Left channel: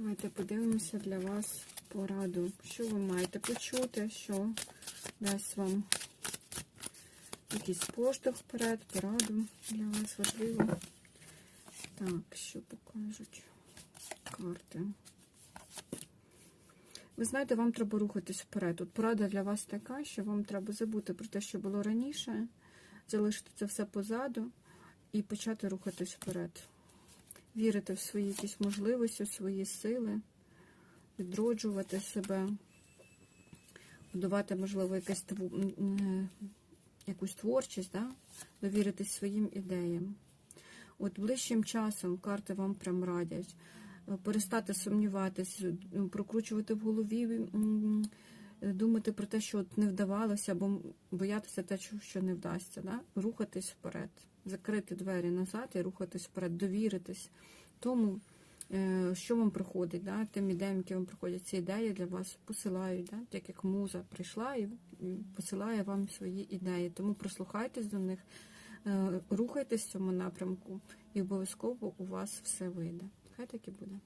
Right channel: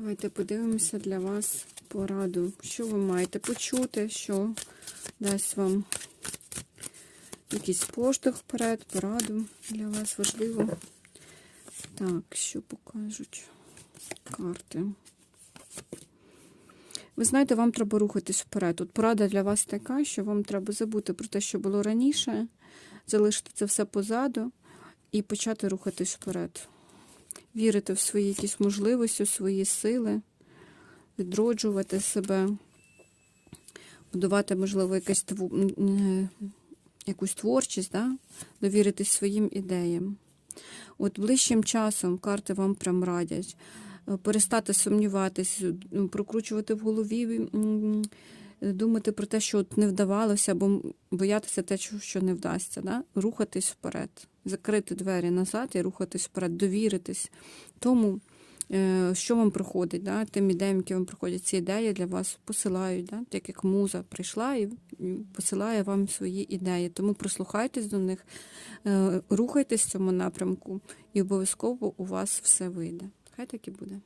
Давайте подивимося для вас пораду. Що ви маєте почути, що дасть вам якийсь поштовх вперед, пораду для вас важливо. Так, що покажуть карти. Ви знаєте, вам треба рухатись вперед. Тут порада для вас така, що вам треба забути про те, що було раніше, залишити це все позаду і почати рухатись вперед. Вірити в свої якісь можливості, в свої сили, відроджувати себе, будувати, можливо, якесь е, якусь творчість, да? довіритись своїм ідеям. От ближчим часом карти вам прям радять е, перестати сумніватись, прокручувати в голові, думати про те, що от не вдавалося, або боятися те, що- не вдасться. Да? Рухатись вперед, закрити двері назад і рухатись вперед, довіритись тому, е, що вам приходить, да? тим ідеям, які вам приходять, ці ідеї для вас посилають, да? так як муза прийшла і посилає вам свої ідеї. Тому прислухайтесь до них, е, рухайтесь в цьому напрямку, і обов'язково у вас все вийде. Хай так і буде.